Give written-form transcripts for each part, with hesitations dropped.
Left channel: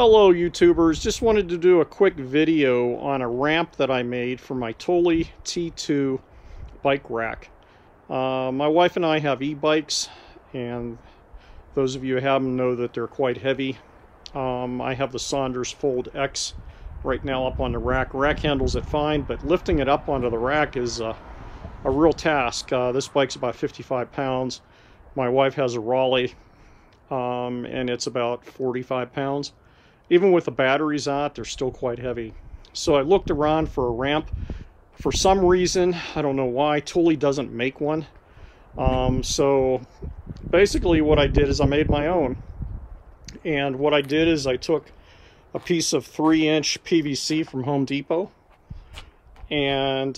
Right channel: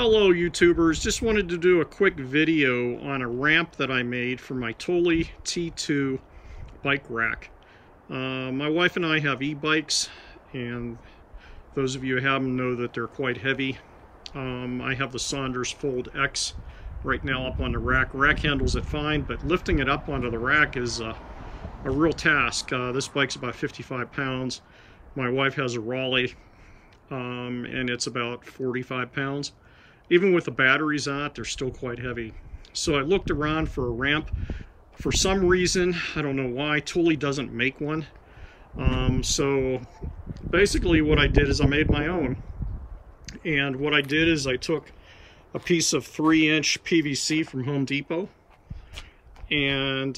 Hello YouTubers, just wanted to do a quick video on a ramp that I made for my Thule T2 bike rack. My wife and I have e-bikes, and those of you who have them know that they're quite heavy. I have the Saunders Fold X right now up on the rack. Rack handles it fine, but lifting it up onto the rack is a real task. This bike's about 55 pounds. My wife has a Raleigh, and it's about 45 pounds. Even with the batteries on it, they're still quite heavy. So I looked around for a ramp. For some reason, I don't know why, Thule doesn't make one. So basically what I did is I made my own. And what I did is I took a piece of 3-inch PVC from Home Depot and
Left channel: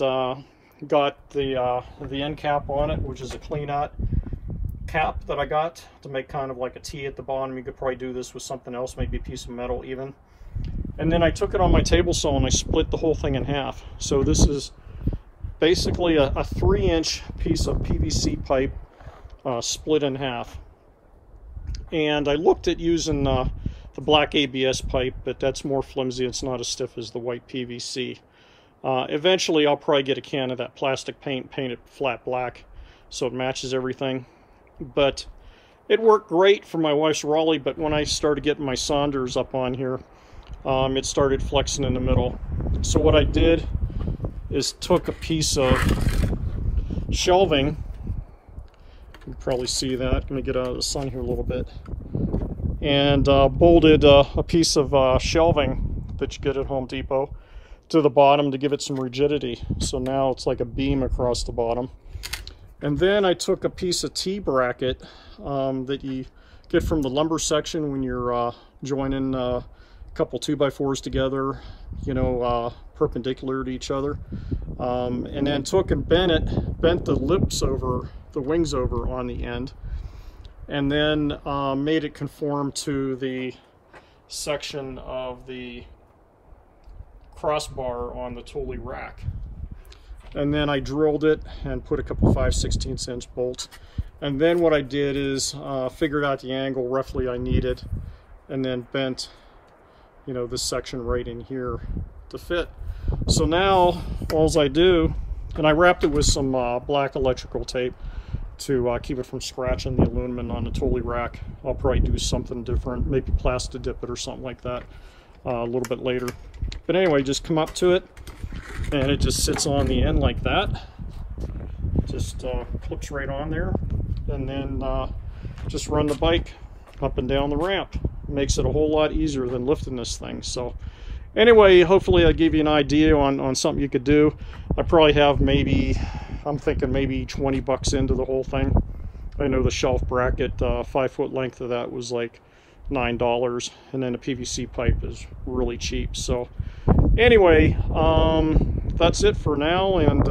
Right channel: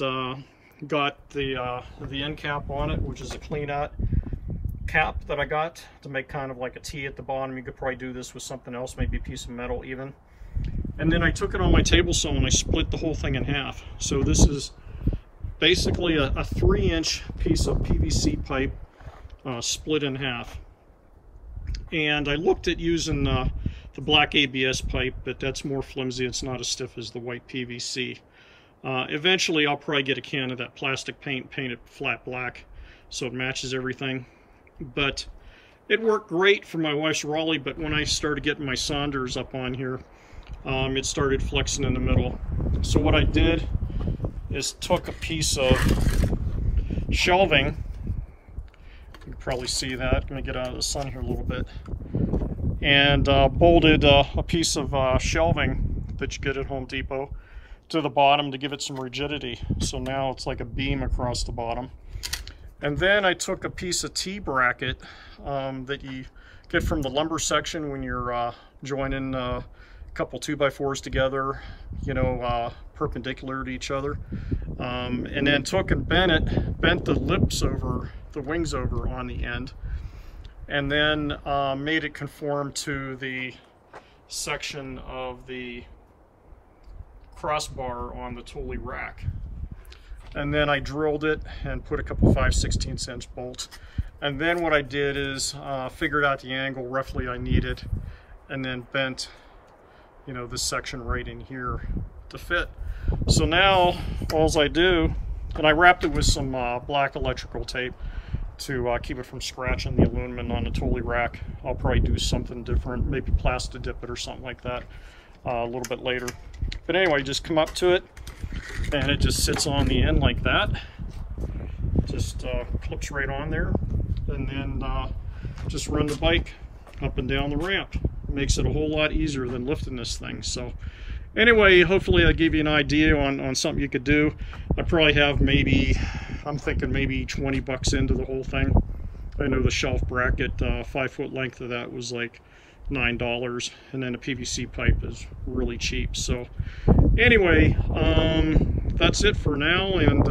got the end cap on it, which is a clean out cap that I got to make kind of like a T at the bottom. You could probably do this with something else, maybe a piece of metal even. And then I took it on my table saw and I split the whole thing in half. So this is basically a 3-inch piece of PVC pipe split in half. And I looked at using the black ABS pipe, but that's more flimsy. It's not as stiff as the white PVC. Eventually I'll probably get a can of that plastic paint, paint it flat black so it matches everything. But it worked great for my wife's Raleigh, but when I started getting my Saunders up on here, it started flexing in the middle. So what I did is took a piece of shelving. You can probably see that. I'm going to get out of the sun here a little bit. And bolted a piece of shelving that you get at Home Depot to the bottom to give it some rigidity. So now it's like a beam across the bottom. And then I took a piece of T-bracket that you get from the lumber section when you're joining a couple 2x4s together, you know, perpendicular to each other. And then took and bent the lips over, the wings over on the end, and then made it conform to the section of the crossbar on the Thule rack. And then I drilled it and put a couple 5/16 inch bolts. And then what I did is figured out the angle roughly I needed, and then bent, you know, this section right in here to fit. So now all I do, and I wrapped it with some black electrical tape to keep it from scratching the aluminum on the Thule rack. I'll probably do something different, maybe plastic dip it or something like that a little bit later. But anyway, just come up to it, and it just sits on the end like that. Just clips right on there, and then just run the bike up and down the ramp. Makes it a whole lot easier than lifting this thing. So anyway, hopefully I gave you an idea on something you could do. I probably have maybe, I'm thinking maybe 20 bucks into the whole thing. I know the shelf bracket, 5-foot length of that was like $9, and then a PVC pipe is really cheap. So anyway, that's it for now, and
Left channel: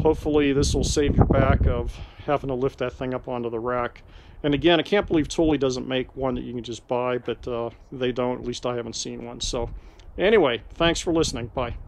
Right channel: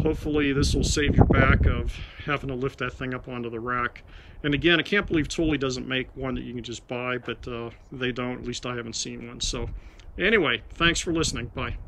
hopefully this will save your back of having to lift that thing up onto the rack. And again, I can't believe Thule doesn't make one that you can just buy, but they don't, at least I haven't seen one. So anyway, thanks for listening. Bye.